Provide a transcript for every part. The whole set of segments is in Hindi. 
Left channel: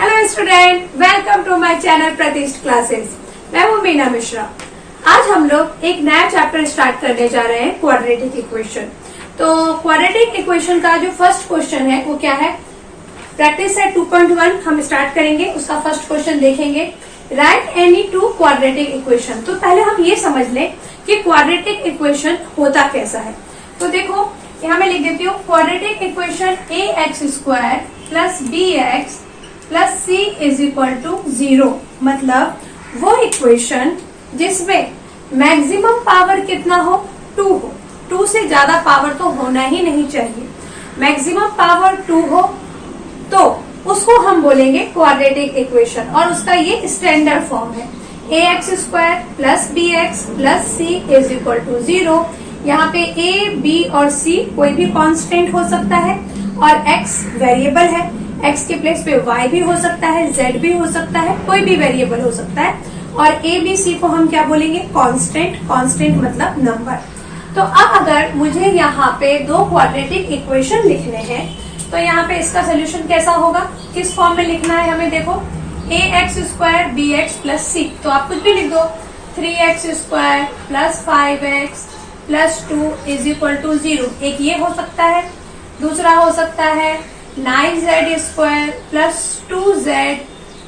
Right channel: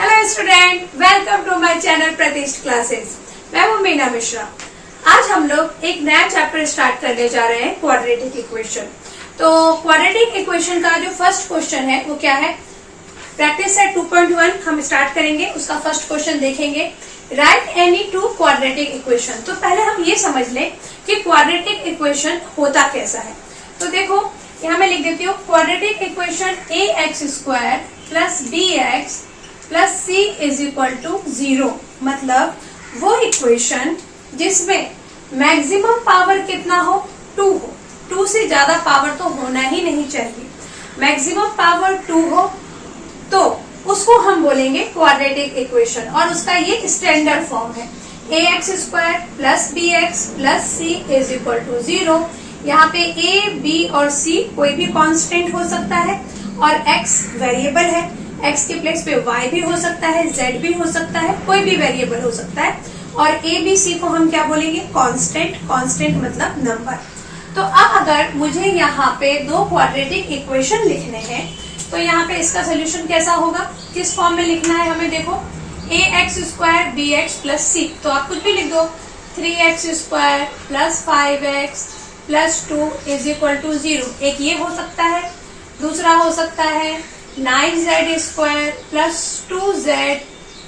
Hello student, welcome to my channel Pratishth classes. मैं हूँ मीना मिश्रा। आज हम लोग एक नया चैप्टर स्टार्ट करने जा रहे हैं, क्वाड्रेटिक इक्वेशन। तो क्वाड्रेटिक इक्वेशन का जो फर्स्ट क्वेश्चन है वो क्या है? प्रैक्टिस सेट 2.1 हम स्टार्ट करेंगे। उसका फर्स्ट क्वेश्चन देखेंगे, right any two quadratic equation. तो पहले हम ये समझ लें कि क्वाड्रेटिक इक्वेशन होता कैसा है। तो देखो यहाँ मैं लिख देती हूँ, quadratic equation ax² plus bx plus c is equal to 0। मतलब वो इक्वेशन जिसमें मैक्सिमम पावर कितना हो? 2 हो। 2 से ज्यादा पावर तो होना ही नहीं चाहिए। मैक्सिमम पावर 2 हो तो उसको हम बोलेंगे क्वाड्रेटिक इक्वेशन, और उसका ये स्टैंडर्ड फॉर्म है ax² plus bx plus c is equal to 0। यहाँ पे a, b और c कोई भी कांस्टेंट हो सकता है और x वेरिएबल है। x के प्लेस पे y भी हो सकता है, z भी हो सकता है, कोई भी वेरिएबल हो सकता है। और a, b, c को हम क्या बोलेंगे? कांस्टेंट। कांस्टेंट मतलब नंबर। तो अब अगर मुझे यहाँ पे दो क्वाड्रेटिक इक्वेशन लिखने हैं तो यहाँ पे इसका सोल्यूशन कैसा होगा? किस फॉर्म में लिखना है हमें? देखो, ax² bx प्लस c। तो आप कुछ भी लिख दो, 3x² plus 5x plus 2 is equal to 0। एक ये हो सकता है, दूसरा हो सकता है 9z² plus 2z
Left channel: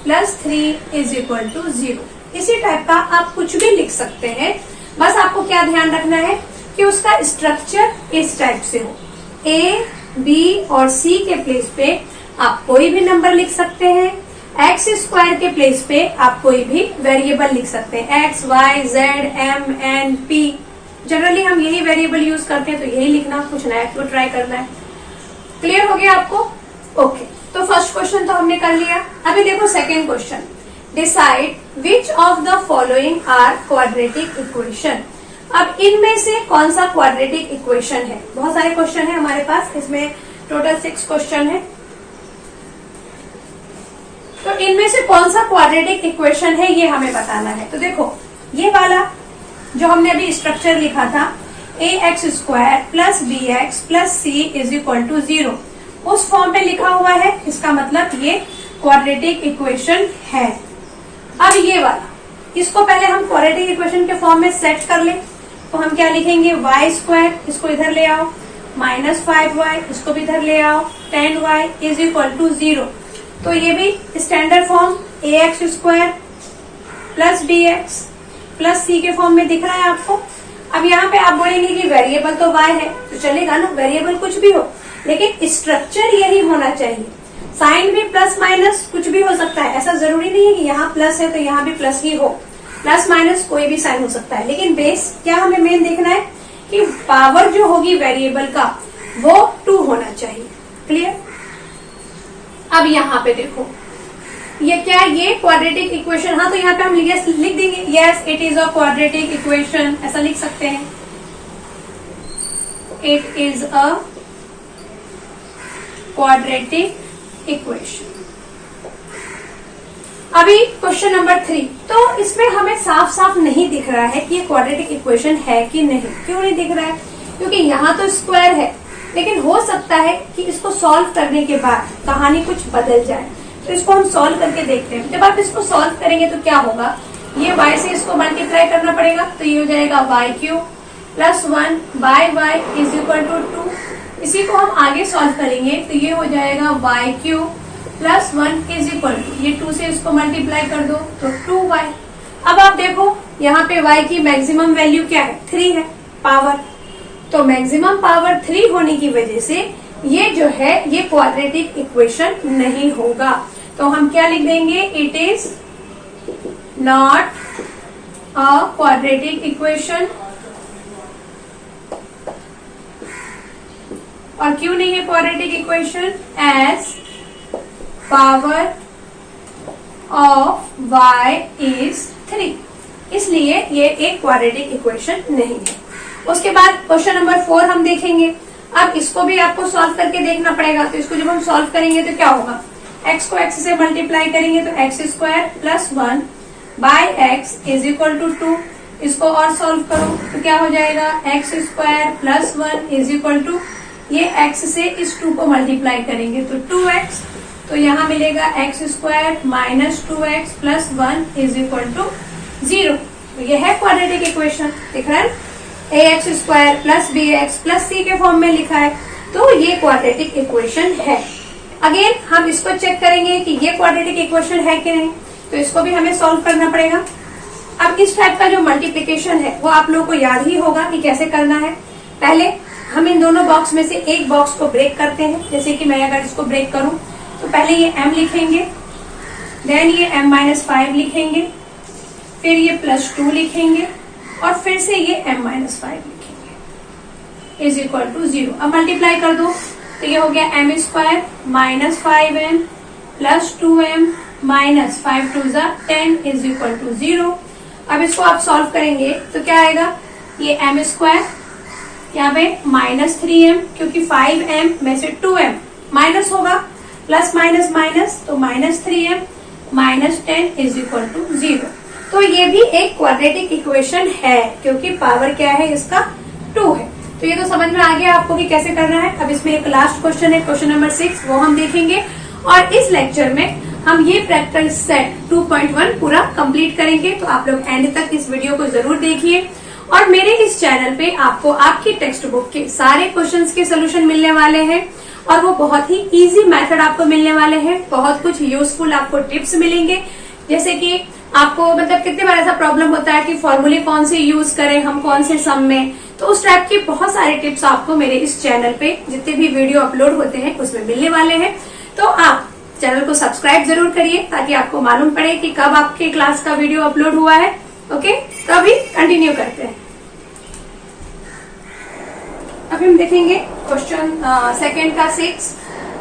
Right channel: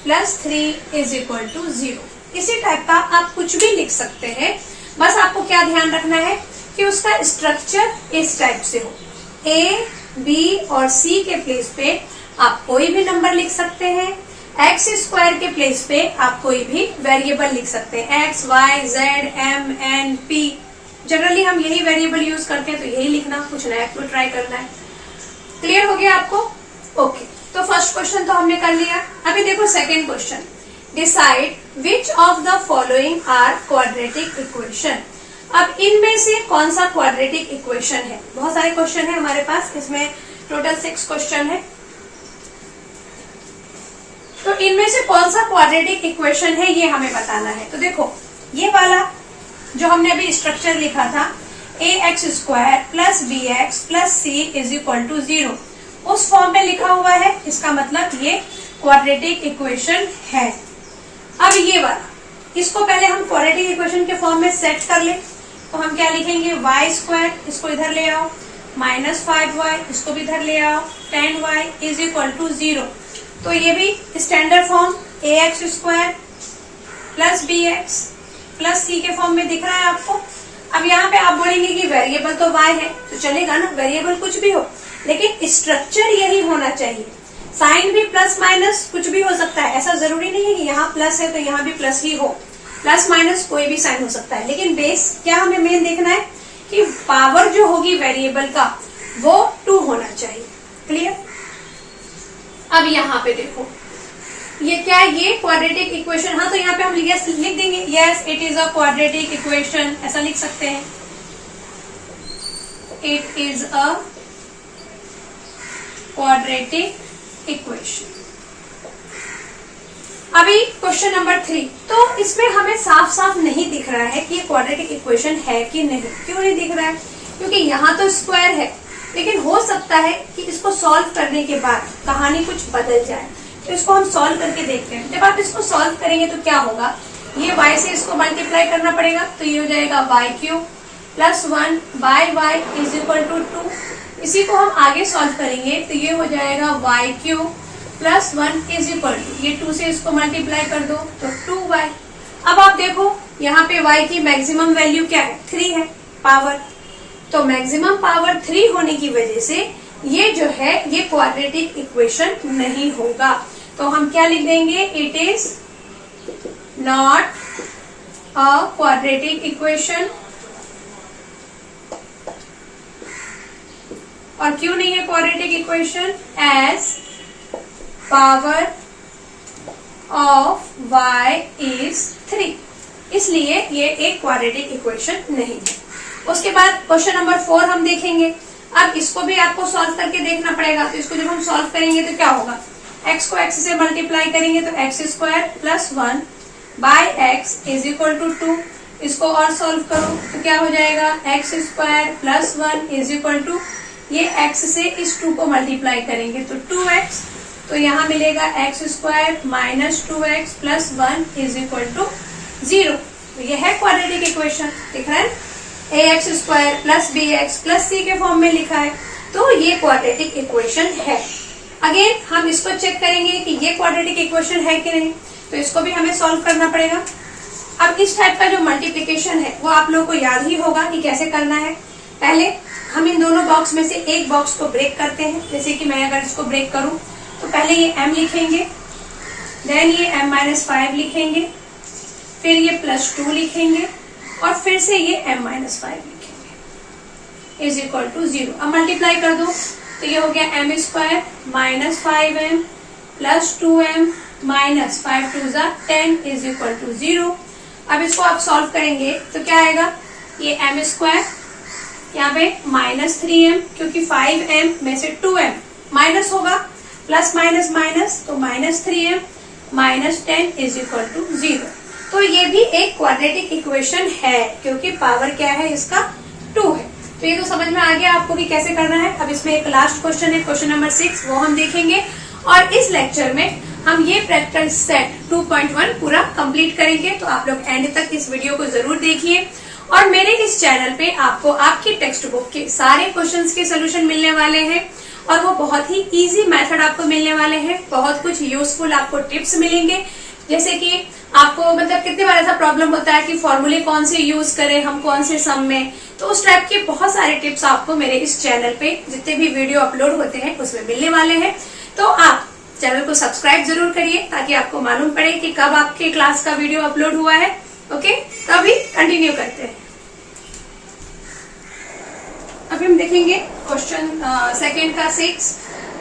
plus 3 is equal to 0। इसी टाइप का आप कुछ भी लिख सकते हैं। बस आपको क्या ध्यान रखना है कि उसका स्ट्रक्चर इस टाइप से हो। a, b और c के प्लेस पे आप कोई भी नंबर लिख सकते हैं। x² के प्लेस पे आप कोई भी वेरिएबल लिख सकते हैं, x, y, z, m, n, p। Generally हम यही वेरिएबल यूज करते हैं, तो यही लिखना, कुछ नया तो ट्राई करना है। क्लियर हो गया आपको? ओके, तो फर्स्ट क्वेश्चन तो हमने कर लिया। अभी देखो second question, decide which of the following are quadratic equation. अब इनमें से कौन सा क्वाड्रेटिक इक्वेशन है? बहुत सारे क्वेश्चन है हमारे पास, इसमें टोटल 6 क्वेश्चन है। तो इनमें से कौन सा क्वाड्रेटिक इक्वेशन है ये हमें बताना है। तो देखो, ये वाला जो हमने अभी स्ट्रक्चर लिखा था, ax² plus bx plus c is equal to 0, उस फॉर्म में लिखा हुआ है। इसका मतलब ये क्वाड्रेटिक इक्वेशन है। अब ये वाला, इसको पहले हम क्वाड्रेटिक इक्वेशन के फॉर्म में सेट कर ले। तो हम क्या लिखेंगे? y², इसको इधर ले आओ, माइनस 5y, इसको भी इधर ले आओ, 10y इज इक्वल टू 0। तो ये भी standard form ax² plus bx plus c के फॉर्म में दिख रहा है आपको। अब यहाँ पे आप बोलेंगे कि वेरिएबल तो y है, तो चलेगा ना, वेरिएबल कुछ भी हो, लेकिन स्ट्रक्चर यही होना चाहिए। साइन भी प्लस माइनस कुछ भी हो सकता है, ऐसा जरूरी नहीं है कि यहाँ प्लस है तो यहाँ भी प्लस ही हो। प्लस माइनस कोई भी साइन हो सकता है, लेकिन बेस क्या हमें मेन देखना है कि पावर जो होगी वेरिएबल का वो 2 होना चाहिए। क्लियर? अब यहाँ पे देखो, ये क्या है? ये क्वाड्रेटिक इक्वेशन। हाँ, तो यहाँ पे हम लिख देंगे, yes it is a quadratic equation, ऐसा लिख सकते हैं, it is a quadratic equation. अभी क्वेश्चन नंबर 3, तो इसमें हमें साफ साफ नहीं दिख रहा है कि ये क्वाड्रेटिक इक्वेशन है कि नहीं। क्यों नहीं दिख रहा है? क्योंकि यहाँ तो स्क्वायर है, लेकिन हो सकता है कि इसको सॉल्व करने के बाद कहानी कुछ बदल जाए। तो इसको हम सॉल्व करके देखते हैं। जब आप इसको सॉल्व करेंगे तो क्या होगा? ये y से इसको मल्टीप्लाई करना पड़ेगा, तो ये हो जाएगा y³ plus 1 by y is equal to 2। इसी को हम आगे सॉल्व करेंगे तो ये हो जाएगा y³ plus 1 is equal to, ये 2 से इसको मल्टीप्लाई कर दो तो 2y। अब आप देखो, यहाँ पे y की मैक्सिमम वैल्यू क्या है? 3 है पावर। तो मैक्सिमम पावर 3 होने की वजह से ये जो है ये क्वाड्रेटिक इक्वेशन नहीं होगा। तो हम क्या लिख देंगे? It is not a quadratic equation. और क्यों नहीं है quadratic equation? As power of y is 3, इसलिए ये एक क्वाड्रेटिक इक्वेशन नहीं है। उसके बाद क्वेश्चन नंबर 4 हम देखेंगे। अब इसको भी आपको सॉल्व करके देखना पड़ेगा। तो इसको जब हम सॉल्व करेंगे तो क्या होगा? x को x से मल्टीप्लाई करेंगे तो x² plus 1 by x is equal to 2। इसको और सॉल्व करो तो क्या हो जाएगा? x² plus 1 is equal to, ये x से इस 2 को मल्टीप्लाई करेंगे तो 2x तो यहाँ मिलेगा x square minus 2x plus 1 is equal to 0। यह है क्वाड्रेटिक इक्वेशन, दिख रहा है, ax square plus bx plus c के फॉर्म में लिखा है, तो ये क्वाड्रेटिक इक्वेशन है। अगेन हम इसको चेक करेंगे कि ये क्वाड्रेटिक इक्वेशन है कि नहीं, तो इसको भी हमें सॉल्व करना पड़ेगा। अब इस टाइप का जो मल्टीप्लिकेशन है वो आप लोगों को याद ही होगा कि कैसे करना है। पहले हम इन दोनों बॉक्स में से एक बॉक्स को ब्रेक करते हैं, जैसे कि मैं अगर इसको ब्रेक करूं तो पहले ये m लिखेंगे, देन ये m-5 लिखेंगे, फिर ये +2 लिखेंगे और फिर से ये m-5 लिखेंगे इज इक्वल टू 0। अब मल्टीप्लाई कर दो तो ये हो गया m square minus 5m plus 2m minus 5 2 10 is equal to 0। अब इसको आप सॉल्व करेंगे तो क्या आएगा, ये m स्क्वायर यहाँ पे माइनस 3m, क्योंकि 5m में से 2m माइनस होगा, प्लस माइनस माइनस तो minus 3m minus 10 is equal to 0। तो ये भी एक क्वाड्रेटिक इक्वेशन है क्योंकि पावर क्या है इसका 2 है। तो ये तो समझ में आ गया आपको कि कैसे करना है। अब इसमें एक लास्ट क्वेश्चन है, क्वेश्चन नंबर 6, वो हम देखेंगे और इस लेक्चर में हम ये प्रैक्टिकल सेट 2.1 पूरा कंप्लीट करेंगे। तो आप लोग एंड तक इस वीडियो को जरूर देखिए और मेरे इस चैनल पे आपको आपकी टेक्स्ट बुक के सारे क्वेश्चंस के सोल्यूशन मिलने वाले हैं और वो बहुत ही इजी मेथड आपको मिलने वाले हैं। बहुत कुछ यूजफुल आपको टिप्स मिलेंगे, जैसे कि आपको मतलब कितने बार ऐसा प्रॉब्लम होता है कि फॉर्मूले कौन से यूज करें हम कौन से सम में, तो उस टाइप के बहुत सारे टिप्स आपको मेरे इस चैनल पे जितने भी वीडियो अपलोड होते हैं उसमें मिलने वाले हैं। तो आप चैनल को सब्सक्राइब जरूर करिए ताकि आपको मालूम पड़े कि कब आपके क्लास का वीडियो अपलोड हुआ है। ओके, तो अभी कंटिन्यू करते हैं। अभी हम देखेंगे क्वेश्चन सेकेंड का 6,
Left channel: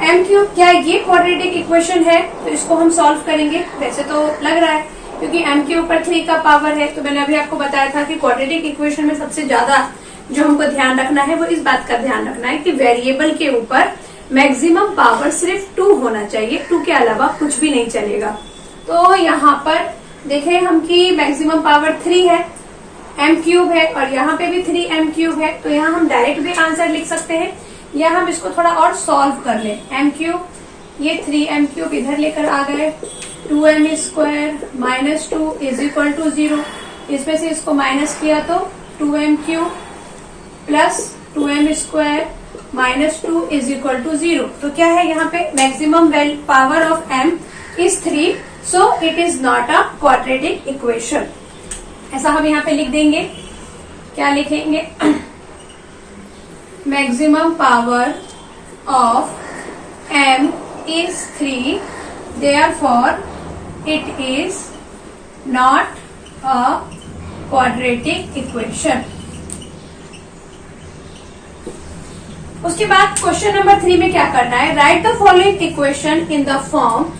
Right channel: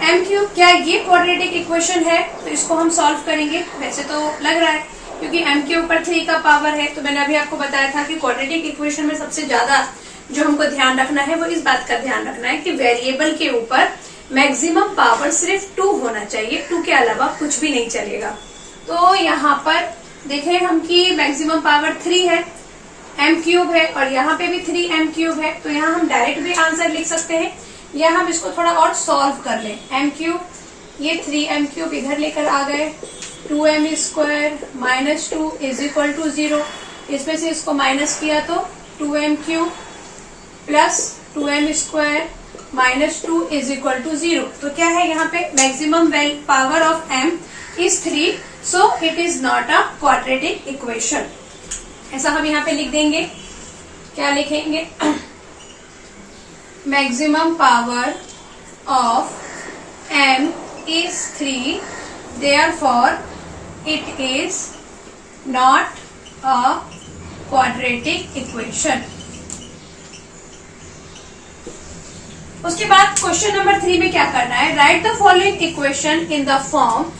m क्यूब, क्या ये क्वाड्रेटिक इक्वेशन है, तो इसको हम सॉल्व करेंगे। वैसे तो लग रहा है क्योंकि m के ऊपर 3 का पावर है, तो मैंने अभी आपको बताया था कि क्वाड्रेटिक इक्वेशन में सबसे ज्यादा जो हमको ध्यान रखना है वो इस बात का ध्यान रखना है कि वेरिएबल के ऊपर मैक्सिमम पावर सिर्फ 2 होना चाहिए, 2 के अलावा कुछ भी नहीं चलेगा। तो यहाँ पर देखें हम कि मैक्सिमम पावर 3 है, m क्यूब है और यहाँ पे भी 3m क्यूब है, तो यहाँ हम डायरेक्ट भी आंसर लिख सकते हैं या हम इसको थोड़ा और सॉल्व कर लें। m क्यूब, ये 3m क्यूब इधर लेकर आ गए, 2m square minus 2 is equal to 0, इसमें से इसको माइनस किया तो 2m cube plus 2m square minus 2 is equal to 0। तो क्या है यहाँ पे, maximum power of m is 3, so it is not a quadratic equation. ऐसा हम यहाँ पे लिख देंगे, क्या लिखेंगे, maximum power of m is 3, therefore it is not a quadratic equation। उसके बाद क्वेश्चन नंबर 3 में क्या करना है, write the following equation in the form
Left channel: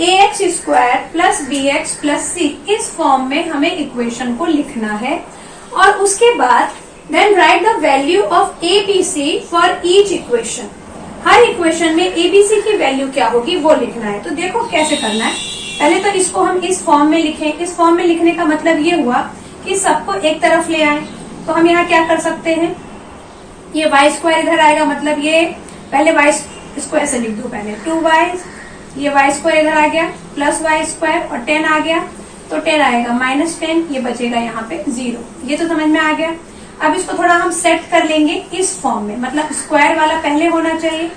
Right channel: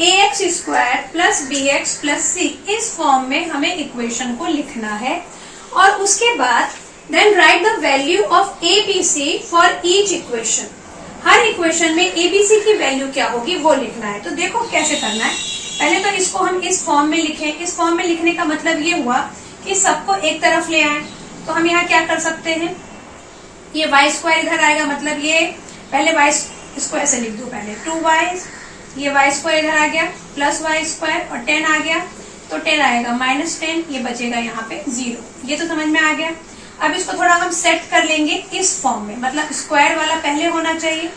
ax square plus bx plus c। इस फॉर्म में हमें इक्वेशन को लिखना है और उसके बाद then write the value of abc for each equation. हर इक्वेशन में abc की वैल्यू क्या होगी वो लिखना है। तो देखो कैसे करना है, पहले तो इसको हम इस फॉर्म में लिखें। इस फॉर्म में लिखने का मतलब ये हुआ कि सबको एक तरफ ले आए। तो हम यहाँ क्या कर सकते हैं, ये y स्क्वायर इधर आएगा, मतलब ये पहले y इसको ऐसे लिख दो, पहले 2y, ये y स्क्वायर इधर आ गया प्लस y स्क्वायर और 10 आ गया, तो 10 आएगा माइनस 10, ये बचेगा यहाँ पे 0। ये तो समझ में आ गया। अब इसको थोड़ा हम सेट कर लेंगे इस फॉर्म में, मतलब स्क्वायर वाला पहले होना चाहिए।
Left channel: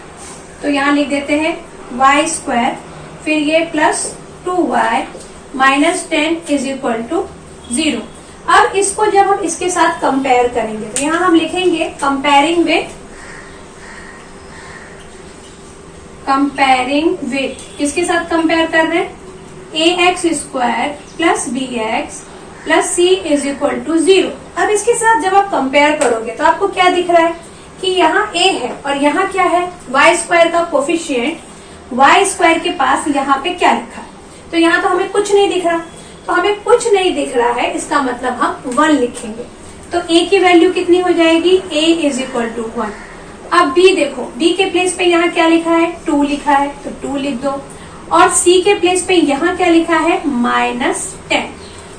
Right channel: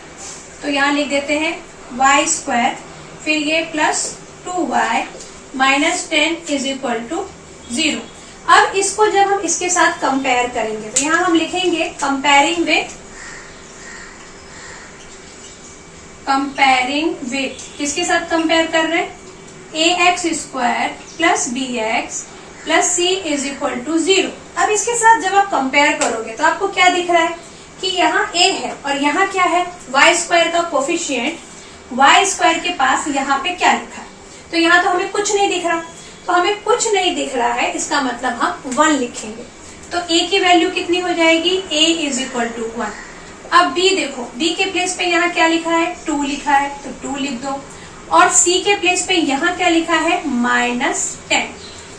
तो यहाँ लिख देते हैं y स्क्वायर, फिर ये plus 2y minus 10 is equal to 0। अब इसको जब हम इसके साथ कंपेयर करेंगे तो यहाँ हम लिखेंगे कंपेयरिंग विथ किसके साथ कंपेयर कर रहे हैं, ax square plus bx plus c is equal to 0। अब इसके साथ जब आप कंपेयर करोगे तो आपको क्या दिख रहा है कि यहाँ a है और यहाँ क्या है, y स्क्वायर का कोफिशिएंट y स्क्वायर के पास यहाँ पे क्या लिखा है, तो यहाँ तो हमें कुछ नहीं दिख रहा। तो हमें कुछ नहीं दिख रहा है, इसका मतलब हम 1 लिखेंगे। तो a की वैल्यू कितनी हो जाएगी, a इज इक्वल टू 1। अब b देखो, b के प्लेस पे यहाँ क्या लिखा है, 2 लिखा है, तो 2 लिख दो। और c के प्लेस पे यहाँ क्या लिखा है, -10,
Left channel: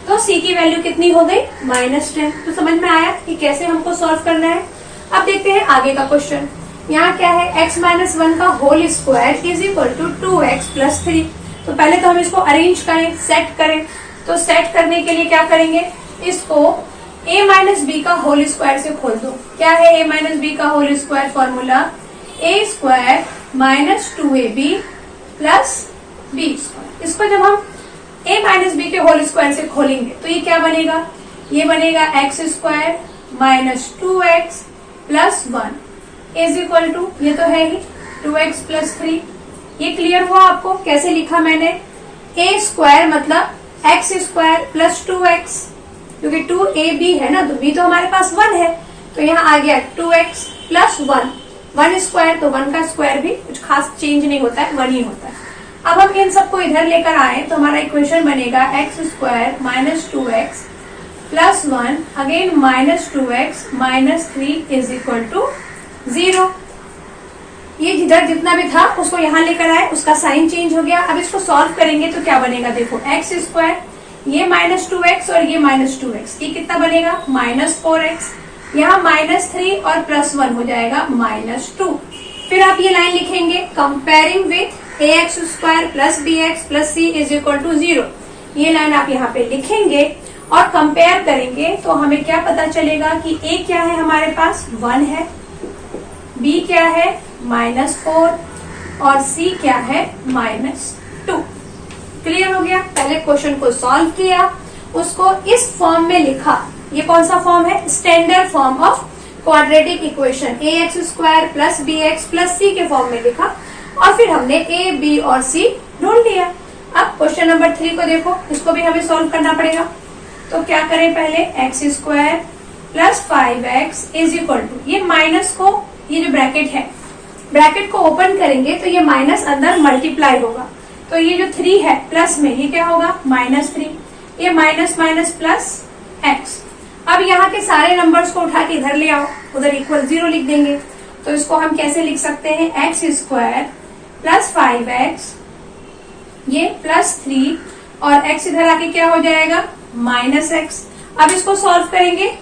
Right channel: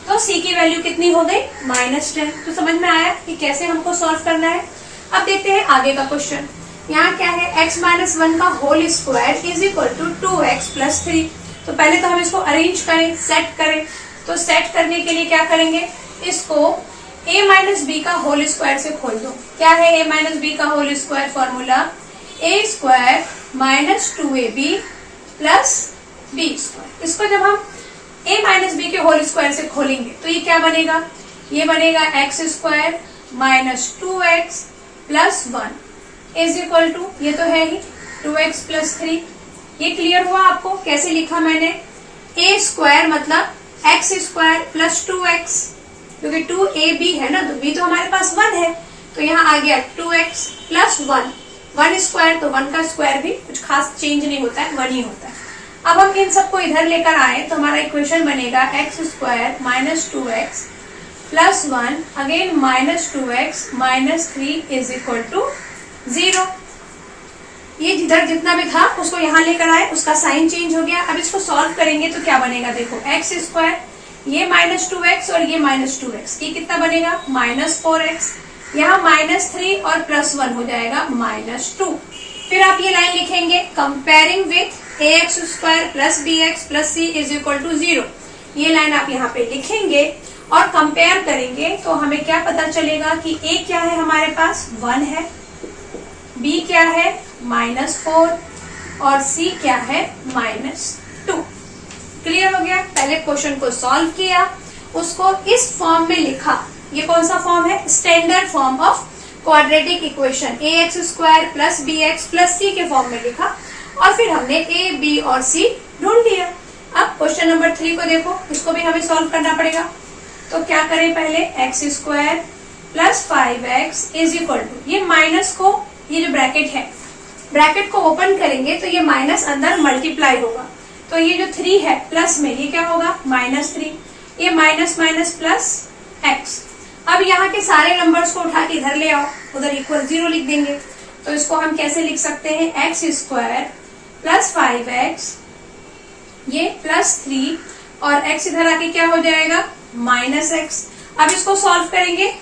तो c की वैल्यू कितनी हो गई, -10। तो समझ में आया कि कैसे हमको सॉल्व करना है। अब देखते हैं आगे का क्वेश्चन। यहाँ क्या है, x माइनस 1 का whole square is equal to 2x plus 3। तो पहले तो हम इसको अरेंज करें, सेट करें। तो सेट करने के लिए क्या करेंगे, इसको a माइनस बी का होल स्क्वायर से खोल दो। क्या है a माइनस बी का whole square formula, a square minus 2ab plus B square. इसको जब हम a माइनस बी के होल स्क्वायर से खोलेंगे तो ये क्या बनेगा, ये बनेगा x square minus 2x plus 1 is equal to, ये तो है ही 2x प्लस 3। ये क्लियर हुआ आपको कैसे लिखा मैंने, a स्क्वायर मतलब x स्क्वायर प्लस 2x, क्योंकि 2ab है ना, तो b तो हमारे पास 1 है, तो यहाँ आ गया 2x प्लस 1 स्क्वायर, तो 1 का स्क्वायर भी कुछ खास चेंज नहीं होता है, 1 ही होता है। अब हम इन सबको इधर लेकर आए तो हमारा इक्वेशन बनेगा x square minus 2x plus 1 again minus 2x minus 3 is equal to 0। ये जिधर जितना भी था उसको यहाँ लेकर आए, उसका साइन चेंज हो गया। अब इसको सॉल्व करेंगे तो क्या बनेगा, देखो एक्स स्क्वायर, ये माइनस 2x और ये माइनस 2x, ये कितना बनेगा माइनस 4x, यहाँ माइनस 3 और प्लस 1 हो जाएगा माइनस 2। फिर आप ये लाइन लिखेंगे comparing with ax square plus bx plus c is equal to 0। ये लाइन आप यहाँ पे लिखेंगे और कंपेयर करेंगे तो हमें क्या पता चलेगा कि a क्या है, हमारे पास 1 है, b क्या है माइनस 4 और c क्या है माइनस 2। क्लियर हो गया। पहले क्वेश्चन को सॉल्व किया, उसको इस फॉर्म में लिखा। ये कौन सा फॉर्म है, standard form of quadratic equation, ax square plus bx plus c के फॉर्म में लिखा और फिर हमने a, b और c ढूंढ लिया। अब क्वेश्चन नंबर 3 को देखो, इसको भी हमें सॉल्व करना पड़ेगा। तो क्या करें, पहले x square plus 5x is equal to, ये माइनस को, ये जो ब्रैकेट है, ब्रैकेट को ओपन करेंगे तो ये माइनस अंदर मल्टीप्लाई होगा, तो ये जो 3 है प्लस में ये क्या होगा माइनस 3, ये माइनस माइनस प्लस x। अब यहाँ के सारे नंबर्स को उठा के इधर ले आओ, उधर इक्वल 0 लिख देंगे। तो इसको हम कैसे लिख सकते हैं, एक्स स्क्वायर प्लस 5x, ये प्लस 3 और x इधर आके क्या हो जाएगा माइनस x। अब इसको सॉल्व करेंगे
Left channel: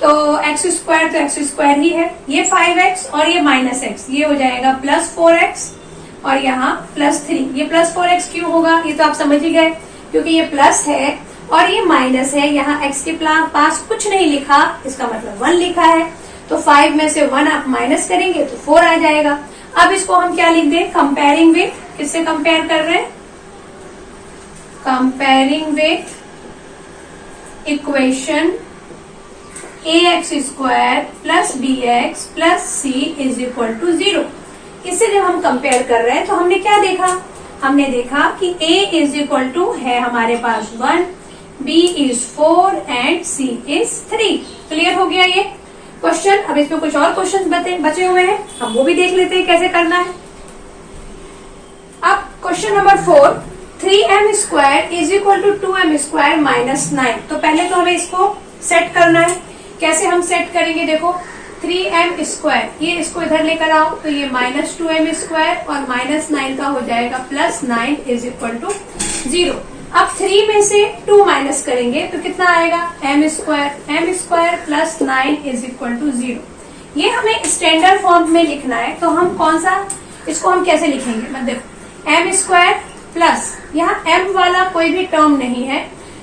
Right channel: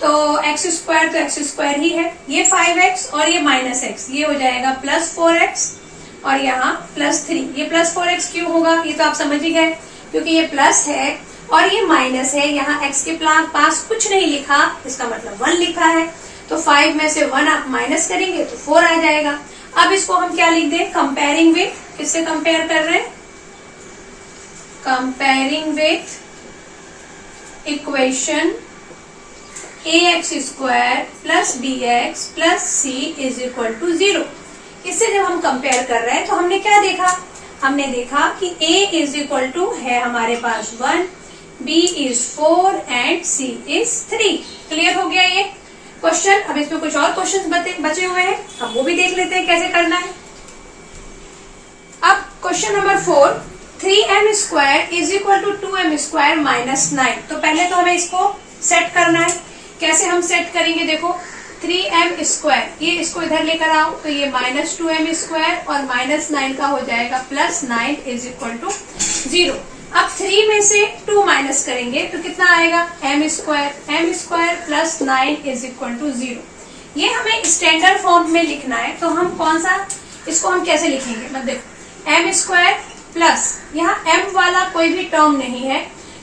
तो एक्स स्क्वायर तो एक्स स्क्वायर ही है, ये 5x और ये माइनस x, ये हो जाएगा प्लस 4x और यहाँ प्लस 3। ये प्लस 4x क्यों होगा, ये तो आप समझ ही गए, क्योंकि ये प्लस है और ये माइनस है। यहाँ x के पास कुछ नहीं लिखा, इसका मतलब 1 लिखा है, तो 5 में से 1 आप माइनस करेंगे तो 4 आ जाएगा। अब इसको हम क्या लिख दें, कंपेयरिंग विथ, किससे कंपेयर कर रहे हैं, comparing with equation ax square plus bx plus c is equal to 0। इससे जब हम कंपेयर कर रहे हैं तो हमने क्या देखा, हमने देखा कि a इज इक्वल टू है हमारे पास 1, b is 4 and c is 3। Clear हो गया ये क्वेश्चन। अब इसमें कुछ और क्वेश्चन बचे हुए हैं, हम वो भी देख लेते हैं कैसे करना है। अब question number 4, 3m square is equal to 2m square minus 9। तो पहले तो हमें इसको सेट करना है। कैसे हम सेट करेंगे, देखो 3m स्क्वायर, ये इसको इधर लेकर आओ तो ये माइनस 2m स्क्वायर और माइनस 9 का हो जाएगा प्लस 9 इज इक्वल टू 0। अब 3 में से 2 माइनस करेंगे तो कितना आएगा, m square plus 9 is equal to 0। ये हमें स्टैंडर्ड फॉर्म में लिखना है, तो हम कौन सा, इसको हम कैसे लिखेंगे, मतलब देखो m स्क्वायर प्लस, यहाँ m वाला कोई भी टर्म नहीं है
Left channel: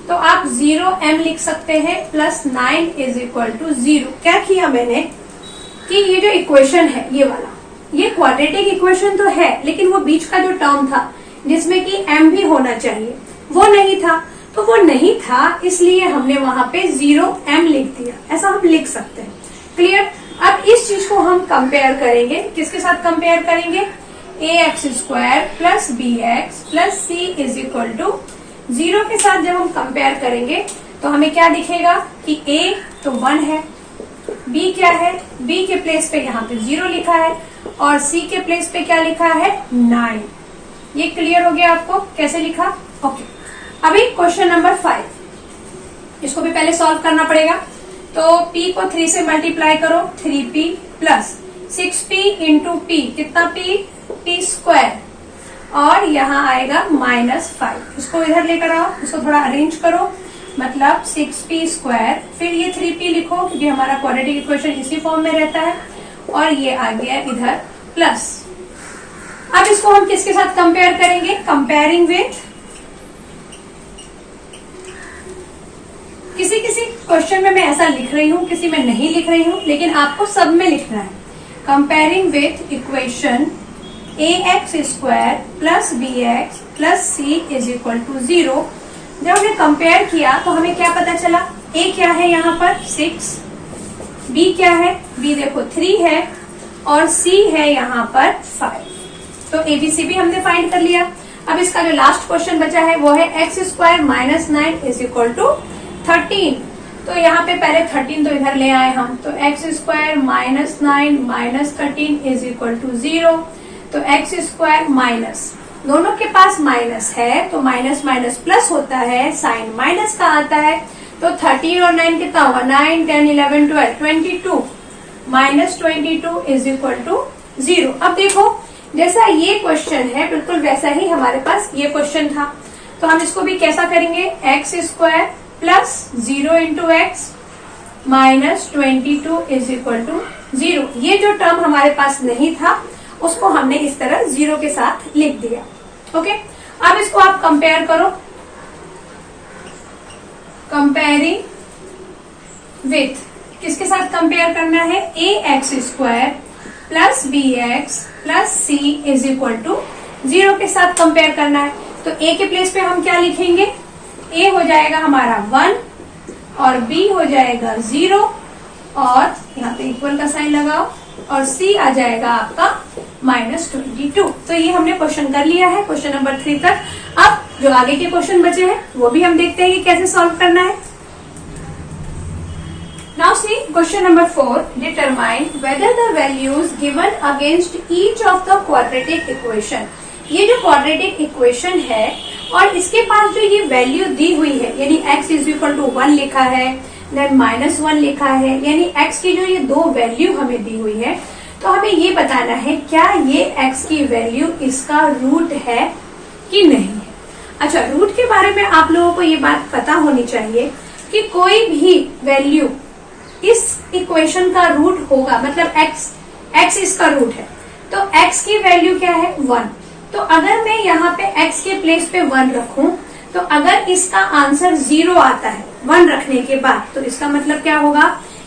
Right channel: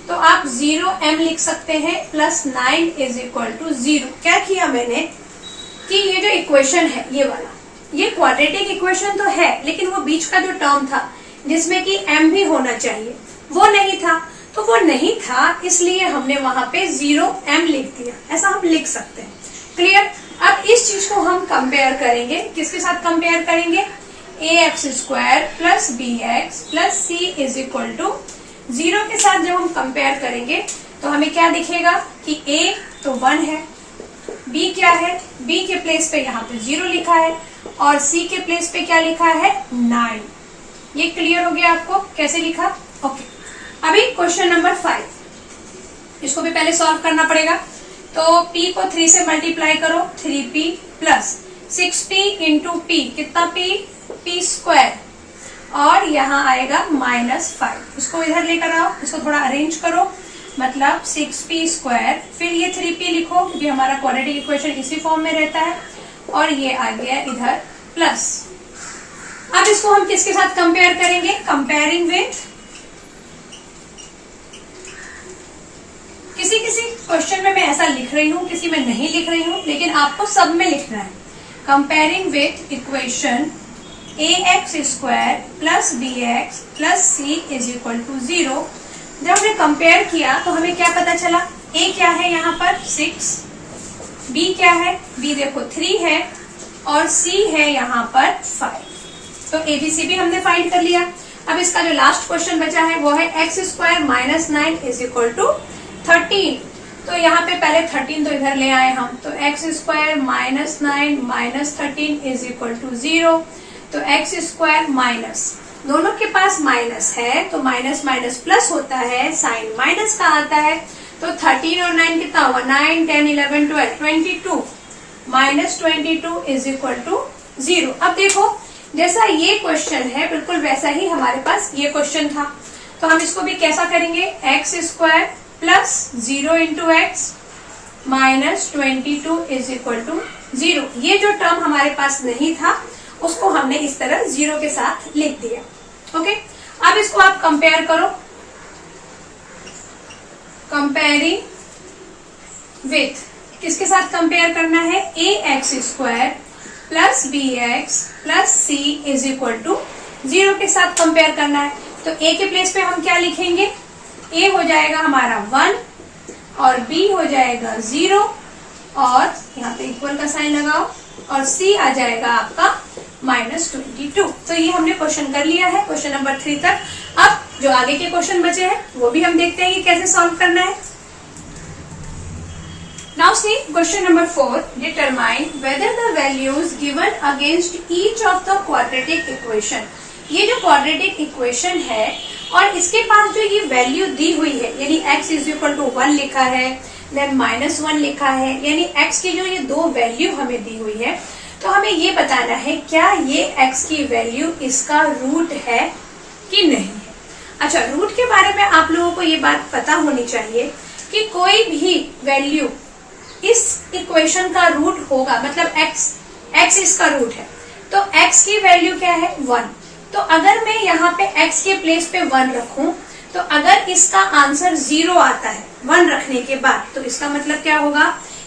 तो आप 0m लिख सकते हैं प्लस 9 इज इक्वल टू 0। क्या किया मैंने कि ये जो इक्वेशन है ये वाला, ये क्वाड्रेटिक इक्वेशन तो है लेकिन वो बीच का जो टर्म था जिसमें कि m भी होना चाहिए वो नहीं था, तो वो नहीं था इसलिए हमने वहां पे 0m लिख दिया। ऐसा हम लिख सकते हैं। क्लियर। अब इस चीज को हम कंपेयर करेंगे, किसके साथ कंपेयर करेंगे, ax square plus bx plus c is equal to 0 के साथ जब हम कंपेयर करेंगे तो हमें क्या दिखेगा कि a तो 1 है, b क्या है, b के प्लेस पे यहाँ पे 0 लिखा है और c के प्लेस पे क्या लिखा है 9। ये क्लियर हो गया आपको कैसे लिखा। ओके, अभी क्वेश्चन नंबर 5, इसको भी पहले सॉल्व करना पड़ेगा। तो p को 3 से मल्टीप्लाई करो, 3p plus 6p into p, कितना p स्क्वायर और यहाँ आएगा -5। इसको इधर लेकर आओ, इसको थोड़ा अरेंज करो, मतलब 6p स्क्वायर, फिर ये 3p लिखो क्योंकि हमारा क्वाड्रेटिक इक्वेशन इसी फॉर्म में रहता है, और ये आ गया इधर प्लस। अब इसको हम किसके साथ कंपेयर करेंगे? कंपेयरिंग विथ, किसी किसी क्वेश्चन में मैं ऐसा लिख रही हूं, किसी में नहीं लिख रही हूं, लेकिन आपको सब में लिखना है। Comparing with equation ax square plus bx plus c is equal to 0। जब हमने कंपेयर किया तो हमें क्या पता चला? a क्या है यहाँ पर 6, b क्या है? b देखो 3 है और c है यहाँ पर 5। तो abc भी हमने फाइंड कर लिया। अब इसका जो लास्ट क्वेश्चन बचा है वो है x square minus 9 is equal to 13। तो यहाँ पे पहले 13 तो इधर ले आए हम, तो x square minus 9 minus 13 is equal to 0। तो एक्स स्क्वायर माइनस, दोनों के पास माइनस है तो माइनस माइनस प्लस होता है, साइन माइनस का आता है। तो 13 और 9 कितना होगा? 9 10 11 12 22 माइनस 22 इज इक्वल टू 0। अब देखो जैसा ये क्वेश्चन है बिल्कुल वैसा ही हमारे पास ये क्वेश्चन था, तो हम इसको भी कैसा करेंगे? X square plus 0 into x minus 22 is equal to 0। ये जो टर्म हमारे पास नहीं था उसको हमने इस तरह 0 के साथ लिख दिया। ओके, अब इसको आप कंपेयर करो। कंपेयरिंग विथ, किसके साथ कंपेयर करना है? A x square plus b x plus c is equal to 0 के साथ कंपेयर करना है। तो ए के प्लेस पे हम क्या लिखेंगे? ए हो जाएगा हमारा 1 और बी हो जाएगा 0 और यहाँ पे इक्वल का साइन लगाओ और सी आ जाएगा आपका माइनस 22। तो ये हमने क्वेश्चन कर लिया है, क्वेश्चन नंबर 3 तक। अब जो आगे के क्वेश्चन बचे हैं वो भी हम देखते हैं कि कैसे सॉल्व करना है। Now see question number 4, determine whether the values given against each of the quadratic equation. ये जो क्वाड्रेटिक इक्वेशन है और इसके पास जो ये वैल्यू दी हुई है, यानी x इज इक्वल टू 1 लिखा है, देन माइनस 1 लिखा है, यानी x की जो ये दो वैल्यू हमें दी हुई है, तो हमें ये बताना है क्या ये x की वैल्यू इसका रूट है कि नहीं है। अच्छा, रूट के बारे में आप लोगों को ये बात पता होनी चाहिए कि कोई भी वैल्यू इस इक्वेशन का रूट होगा, मतलब x इसका रूट है, तो x की वैल्यू क्या है? 1। तो अगर मैं यहाँ पे x के प्लेस पे 1 रखूं, तो अगर इसका आंसर 0 आता है 1 रखने के बाद, तो इसका मतलब क्या होगा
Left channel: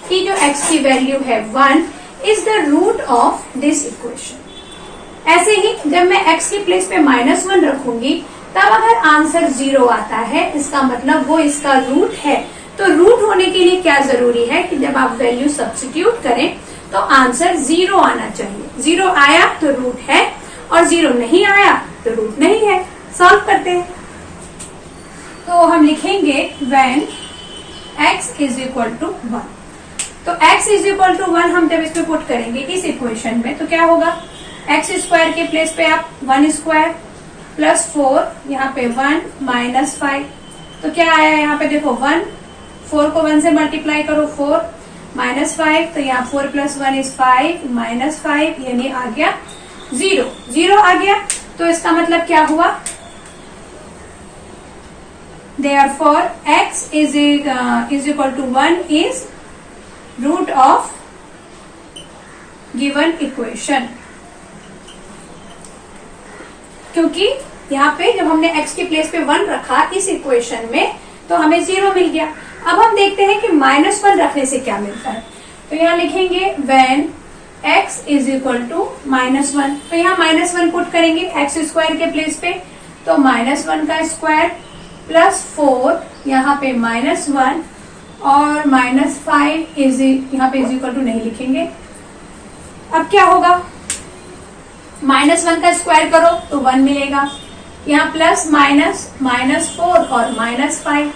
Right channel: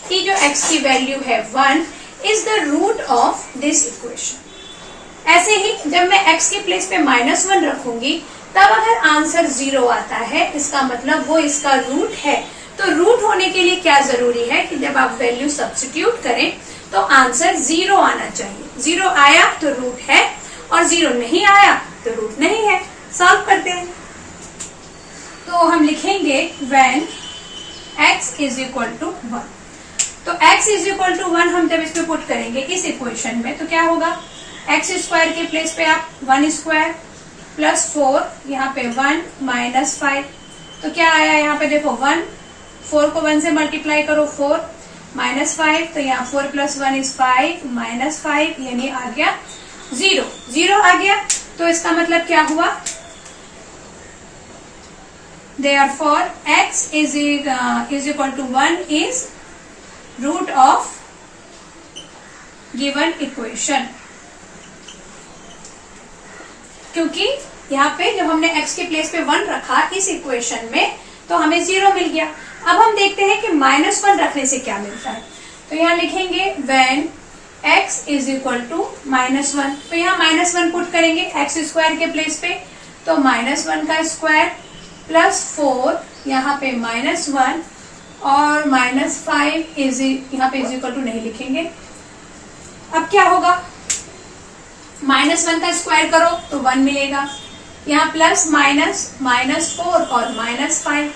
कि जो x की वैल्यू है 1 is the root of this equation. ऐसे ही जब मैं x के प्लेस पे -1 रखूंगी, तब अगर आंसर 0 आता है, इसका मतलब वो इसका रूट है। तो रूट होने के लिए क्या जरूरी है कि जब आप वैल्यू सब्स्टिट्यूट करें तो आंसर 0 आना चाहिए। 0 आया तो रूट है और 0 नहीं आया तो रूट नहीं है। सॉल्व करते हैं। तो हम लिखेंगे when x is equal to 1। तो x इज इक्वल टू 1 हम जब इस पे पुट करेंगे इस इक्वेशन में, तो क्या होगा? x स्क्वायर के प्लेस पे आप 1 स्क्वायर प्लस 4, यहाँ पे 1 माइनस 5, तो क्या आया यहाँ पे? देखो 1, 4 को 1 से मल्टीप्लाई करो 4 माइनस 5, तो यहाँ 4 प्लस 1 इज 5 माइनस 5, यानी आ गया 0। 0 आ गया तो इसका मतलब क्या हुआ? Therefore x is equal to 1 is root of given equation। क्योंकि यहाँ पे जब हमने x के प्लेस पे 1 रखा इस इक्वेशन में, तो हमें 0 मिल गया। अब हम देखते हैं कि -1 रखने से क्या मिलता है। तो यहाँ लिखेंगे when x is equal to -1। तो यहाँ -1 पुट करेंगे x स्क्वायर के प्लेस पे, तो -1 का स्क्वायर प्लस 4, यहाँ पे -1 और -5 इज यहाँ पे इज इक्वल टू नहीं लिखेंगे। अब क्या होगा? -1 का स्क्वायर करो तो 1 मिलेगा, यहाँ प्लस माइनस -4 और -5,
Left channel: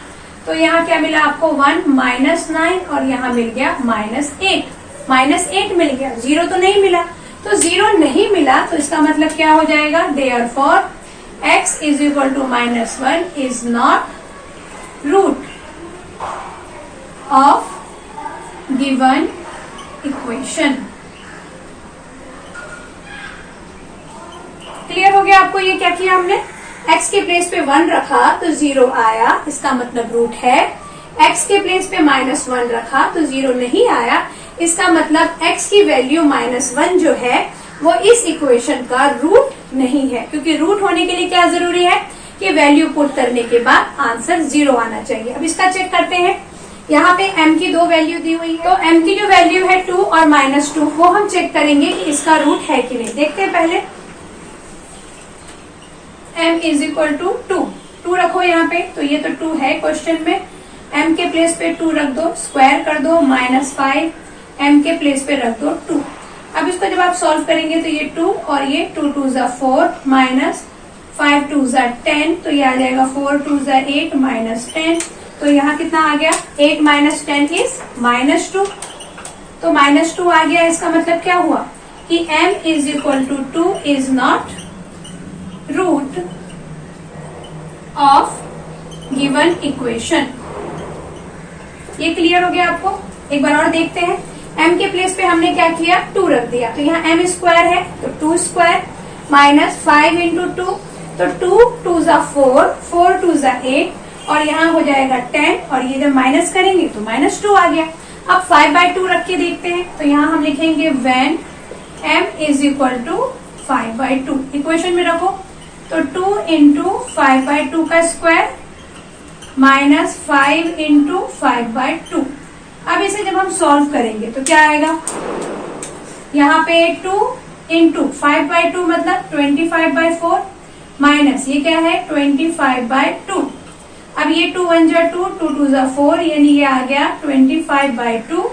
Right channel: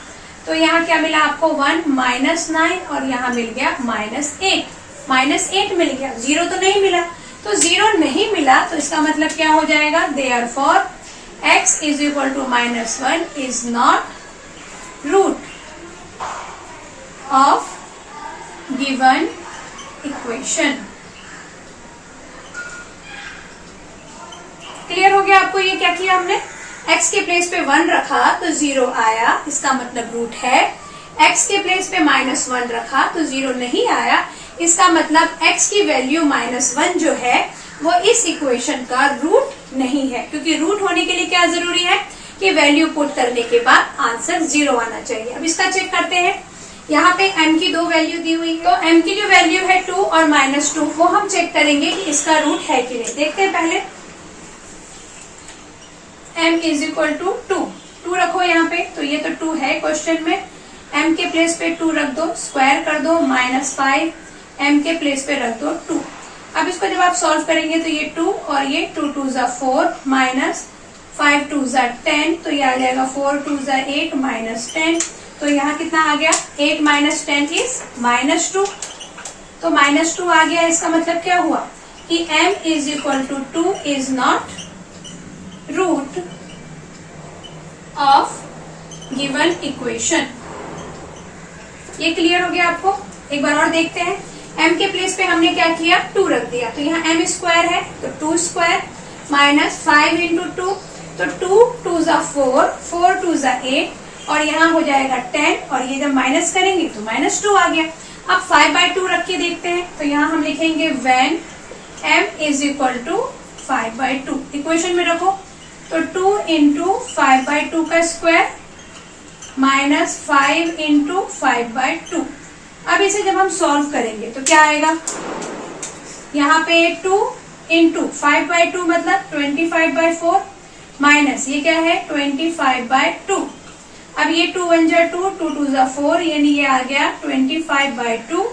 तो यहाँ क्या मिला आपको? 1 -9 और यहाँ मिल गया -8। -8 मिल गया, 0 तो नहीं मिला। तो 0 नहीं मिला तो इसका मतलब क्या हो जाएगा? Therefore x is equal to -1 is not root of given equation। Clear हो गया आपको? ये क्या किया हमने? x के प्लेस पे 1 रखा तो 0 आया, इसका मतलब रूट है। x के प्लेस पे -1 रखा तो 0 नहीं आया, इसका मतलब x की वैल्यू -1 जो है वो इस इक्वेशन का रूट नहीं है, क्योंकि रूट होने के लिए क्या जरूरी है कि वैल्यू पुट करने के बाद आंसर 0 आना चाहिए। अब इसका चेक करते हैं। यहाँ पे m की 2 वैल्यू दी हुई है, तो m की जो वैल्यू है 2 और -2 वो हम चेक करेंगे कि इसका रूट है कि नहीं। देखते हैं पहले। m इज इक्वल टू 2 रखो यहाँ पे, तो ये तो 2 है क्वेश्चन में। m के प्लेस पे 2 रख दो, स्क्वायर कर दो, -5 m के प्लेस पे रख दो 2। अब इसको जब आप सॉल्व करेंगे तो ये 2 और ये 2 2 ज़ा 4 -5 2 ज़ा 10, तो ये आ जाएगा 4 2 ज़ा 8 -10। तो यहाँ कितना आ गया? 8 - 10 इज -2, तो -2 आ गया। इसका मतलब क्या हुआ कि m is equal to 2 is not root of given equation. ये क्लियर हो गया आपको? एक बार और देखते हैं। m के प्लेस पे हमने क्या किया? 2 रख दिया, तो यहाँ m स्क्वायर है तो 2 स्क्वायर -5 इंटू 2, तो 2 2 ज़ा 4 4 2 ज़ा 8 और यहाँ हो जाएगा 10 और ये जब माइनस करेंगे तो -2 आ गया। अब 5/2 रख के देखते हैं, तो यहाँ हम लिखेंगे when m is equal to 5/2। Equation में रखो तो 2 इंटू 5/2 का स्क्वायर -5 इंटू 5/2। अब इसे जब हम सॉल्व करेंगे तो क्या आएगा? यहाँ पे 2 इंटू 5/2 मतलब 25/4 माइनस ये क्या है 25/2। अब ये 2 1 जा 2 2 2 जा 4, यानी ये आ गया 25/2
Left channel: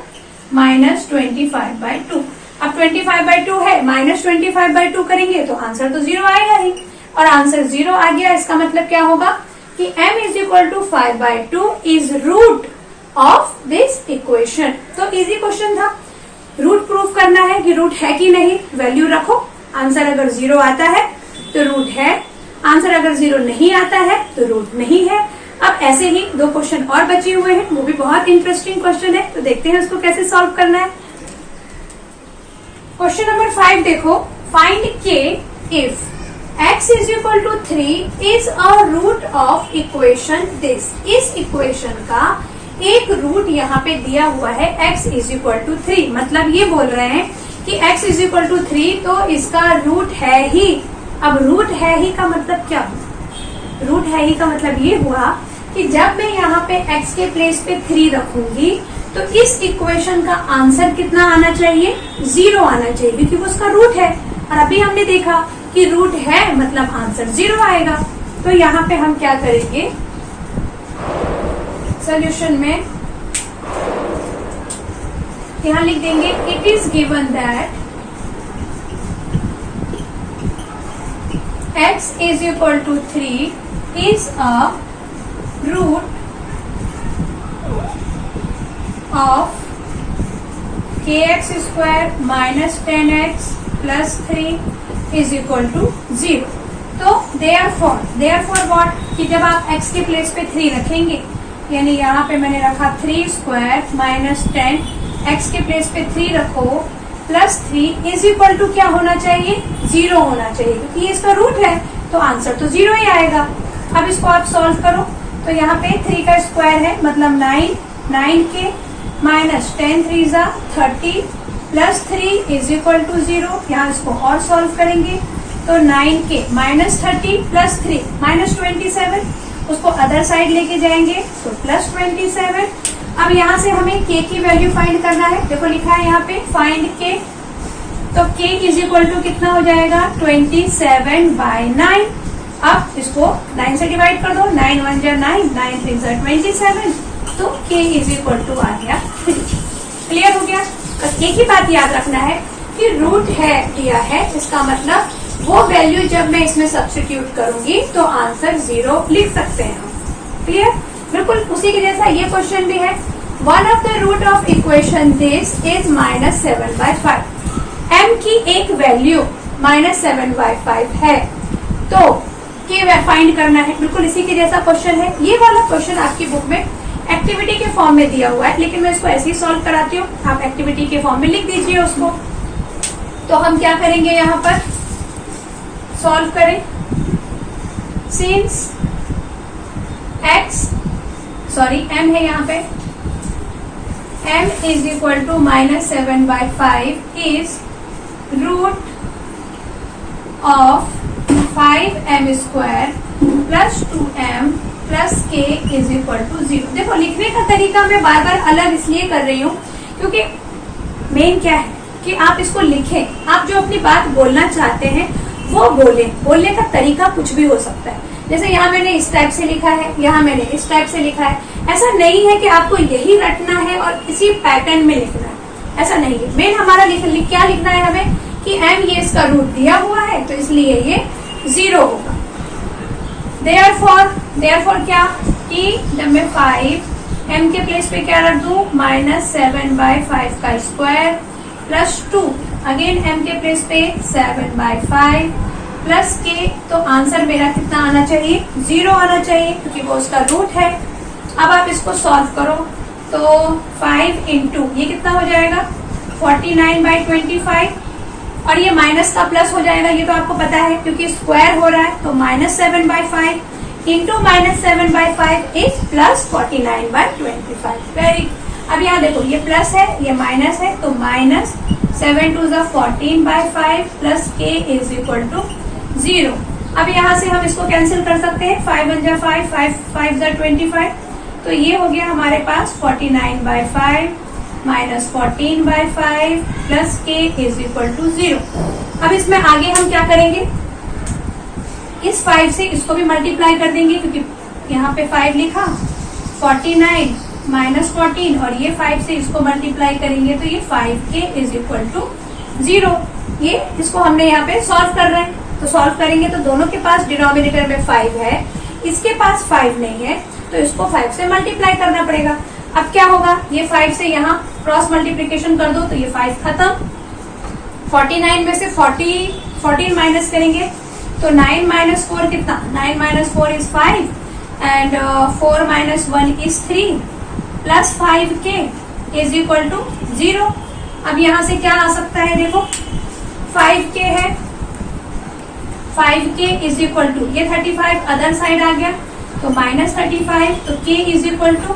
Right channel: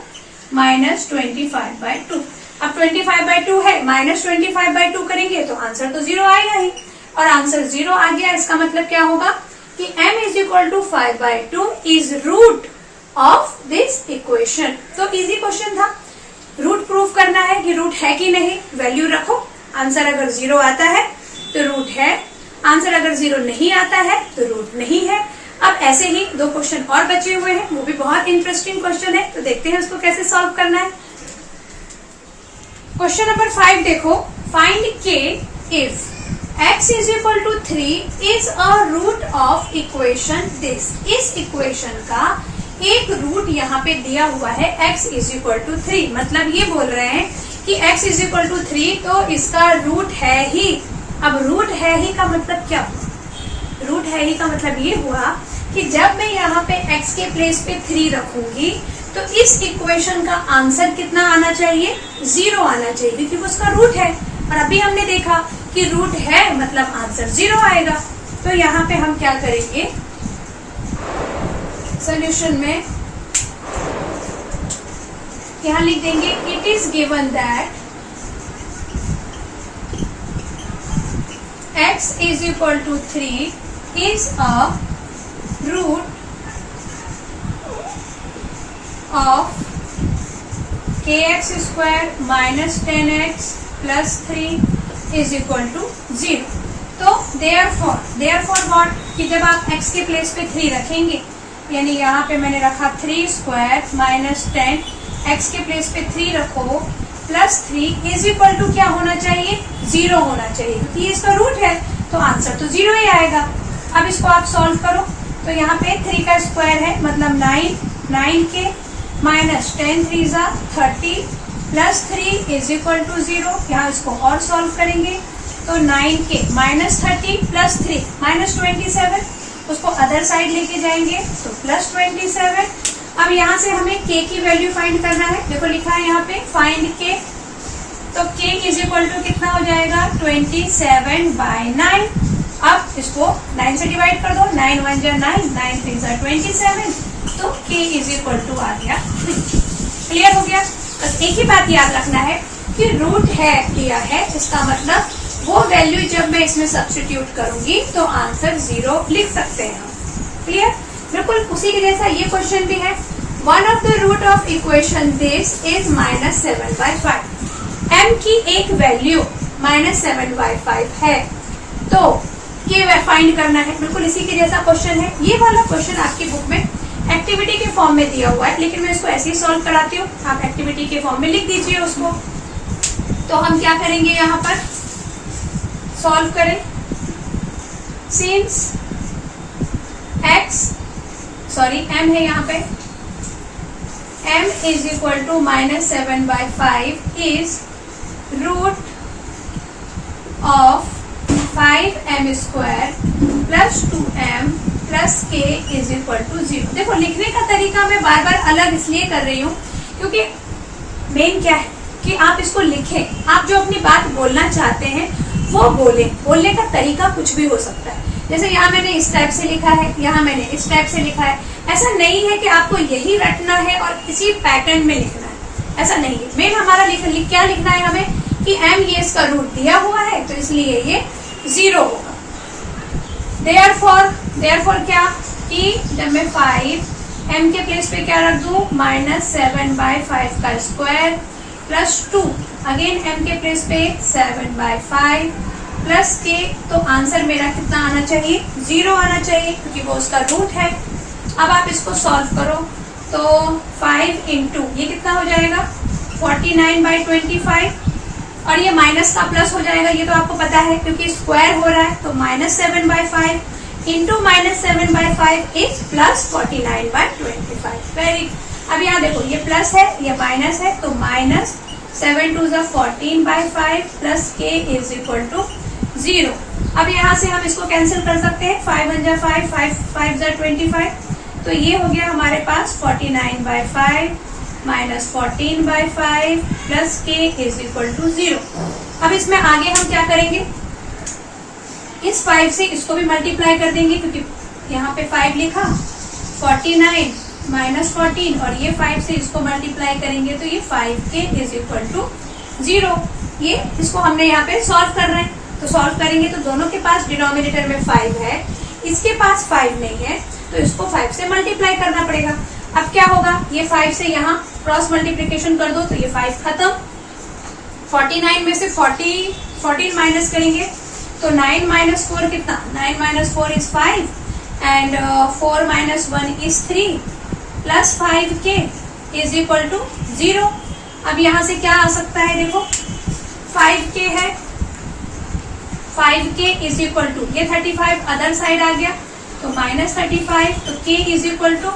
माइनस 25/2। अब 25/2 है -25/2 करेंगे तो आंसर तो 0 आएगा ही, और आंसर 0 आ गया। इसका मतलब क्या होगा कि m is equal to 5/2 is root of this equation. तो इजी क्वेश्चन था। रूट प्रूफ करना है कि रूट है कि नहीं, वैल्यू रखो। आंसर अगर 0 आता है तो रूट है, आंसर अगर 0 नहीं आता है तो रूट नहीं है। अब ऐसे ही 2 क्वेश्चन और बचे हुए हैं, वो भी बहुत इंटरेस्टिंग क्वेश्चन है, तो देखते हैं उसको कैसे सॉल्व करना है। क्वेश्चन नंबर 5 देखो। Find k if x is equal to 3 is a root of equation this. इस इक्वेशन का एक रूट यहाँ पे दिया हुआ है x इज इक्वल टू 3, मतलब ये बोल रहे हैं कि x इज इक्वल टू 3 तो इसका रूट है ही। अब रूट है ही का मतलब क्या हुआ? रूट है ही का मतलब ये हुआ कि जब मैं यहाँ पे x के प्लेस पे 3 रखूंगी तो इस इक्वेशन का आंसर कितना आना चाहिए? 0 आना चाहिए, क्योंकि वो उसका रूट है। और अभी हमने देखा कि रूट है मतलब आंसर 0 आएगा। तो यहाँ पे हम क्या करेंगे सॉल्यूशन में, यहाँ लिख देंगे it is given that x is equal to 3 is a root of kx square minus 10x plus 3 is equal to 0। तो देयरफॉर व्हाट कि जब आप x के प्लेस पे 3 रखेंगे, यानी यहाँ पे मैंने रखा 3 स्क्वायर माइनस 10, x के प्लेस पे 3 रखो प्लस 3 इज इक्वल टू क्या होना चाहिए? 0 होना चाहिए, क्योंकि इसका रूट है तो आंसर तो 0 ही आएगा। अब इसको आप सॉल्व करो, तो यहाँ पे 3 का स्क्वायर है मतलब 9 के माइनस 10 3 ज़ा 30 प्लस 3 इज इक्वल टू 0। यहाँ इसको और सॉल्व करेंगे तो 9 के माइनस 30 प्लस 3 माइनस 27, उसको अदर साइड लेके जाएंगे तो प्लस 27। अब यहाँ से हमें k की वैल्यू फाइंड करना है। देखो लिखा है यहाँ पे फाइंड k, तो k इज इक्वल टू कितना हो जाएगा? 27/9। अब इसको 9 से डिवाइड कर दो, 9 1 जा 9 9 3 जा 27, तो k इज इक्वल टू आ गया 3। क्लियर हो गया? बस एक ही बात याद रखना है कि रूट है दिया है, इसका मतलब वो वैल्यू जब मैं इसमें सब्स्टिट्यूट करूंगी तो आंसर 0 लिख सकते हैं हम। क्लियर? बिल्कुल उसी के जैसा ये क्वेश्चन भी है। One of the root of equation this is -7/5। m की एक वैल्यू -7/5 है, तो k फाइंड करना है। बिल्कुल इसी के जैसा क्वेश्चन है। ये वाला क्वेश्चन आपकी बुक में एक्टिविटी के फॉर्म में दिया हुआ है, लेकिन मैं इसको ऐसे ही सॉल्व कराती हूँ, आप एक्टिविटी के फॉर्म में लिख दीजिए उसको। तो हम क्या करेंगे, यहाँ पर सॉल्व करें। सिंस m है यहाँ पे m is equal to -7/5 is root of 5m² plus 2m plus k is equal to 0। देखो लिखने का तरीका मैं बार बार अलग इसलिए कर रही हूँ क्योंकि मेन क्या है कि आप इसको लिखें, आप जो अपनी बात बोलना चाहते हैं वो बोलने का तरीका कुछ भी हो सकता है। जैसे यहाँ मैंने इस टाइप से लिखा है, यहाँ मैंने इस टाइप से लिखा है, ऐसा नहीं है कि आपको यही रटना है और इसी पैटर्न में लिखना है, ऐसा नहीं है। मेन हमारा क्या लिखना है हमें कि m ये इसका रूट दिया हुआ है तो इसलिए ये 0 होगा। देयरफॉर क्या कि जब मैं 5 m के प्लेस पे क्या रख दूं -7/5 का स्क्वायर प्लस 2 अगेन m के प्लेस पे 7/5 प्लस k, तो आंसर मेरा कितना आना चाहिए 0 आना चाहिए क्योंकि वो उसका रूट है। अब आप इसको सॉल्व करो तो 5 इंटू ये कितना हो जाएगा 49/25 और ये माइनस का प्लस हो जाएगा, ये तो आपको पता है क्योंकि स्क्वायर हो रहा है, तो -7/5 इंटू -7/5 इज प्लस 49/25। वेरी, अब यहाँ देखो ये प्लस है ये माइनस है, तो -7 2 14/5 plus k is equal to 0। अब यहाँ से हम इसको कैंसिल कर सकते हैं, 5 1 जा 5 5 5 जा 25, तो ये हो गया हमारे पास 49/5 -14/5 plus k is equal to 0। अब इसमें आगे हम क्या करेंगे, इस 5 से इसको भी मल्टीप्लाई कर देंगे क्योंकि यहाँ पे 5 लिखा, 49 -14 और ये 5 से इसको मल्टीप्लाई करेंगे तो ये 5k इज इक्वल टू 0। ये इसको हमने यहाँ पे सॉल्व कर रहे हैं, तो सॉल्व करेंगे तो दोनों के पास डिनोमिनेटर में 5 है, इसके पास 5 नहीं है, तो इसको 5 से मल्टीप्लाई करना पड़ेगा। अब क्या होगा, ये 5 से यहाँ क्रॉस मल्टीप्लीकेशन कर दो तो ये 5 खत्म, 49 में से 14 माइनस करेंगे तो 9 - 4 कितना, 9 - 4 is 5 and 4 - 1 is 3 plus 5k is equal to 0। अब यहाँ से क्या आ सकता है, देखो 5k है, 5k इज इक्वल टू ये 35 अदर साइड आ गया तो -35, तो k इज इक्वल टू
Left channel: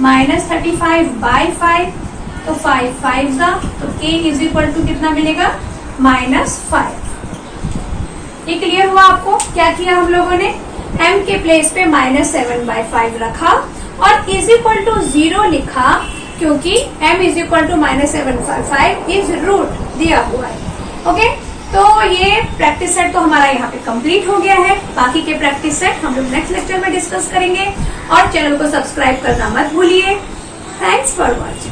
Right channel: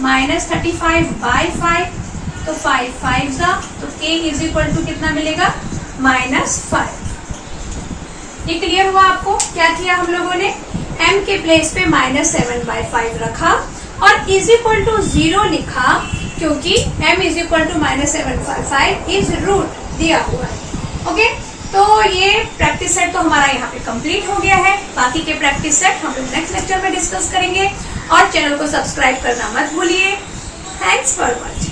-35/5, तो 5 5 जा, तो k इज इक्वल टू कितना मिलेगा -5। ये क्लियर हुआ आपको? क्या किया हम लोगों ने, m के प्लेस पे -7/5 रखा और इज इक्वल टू 0 लिखा क्योंकि m is equal to -7/5 is root दिया हुआ है। ओके, तो ये प्रैक्टिस सेट तो हमारा यहाँ पे कंप्लीट हो गया है। बाकी के प्रैक्टिस सेट हम लोग नेक्स्ट लेक्चर में डिस्कस करेंगे और चैनल को सब्सक्राइब करना मत भूलिए। Thanks for watching.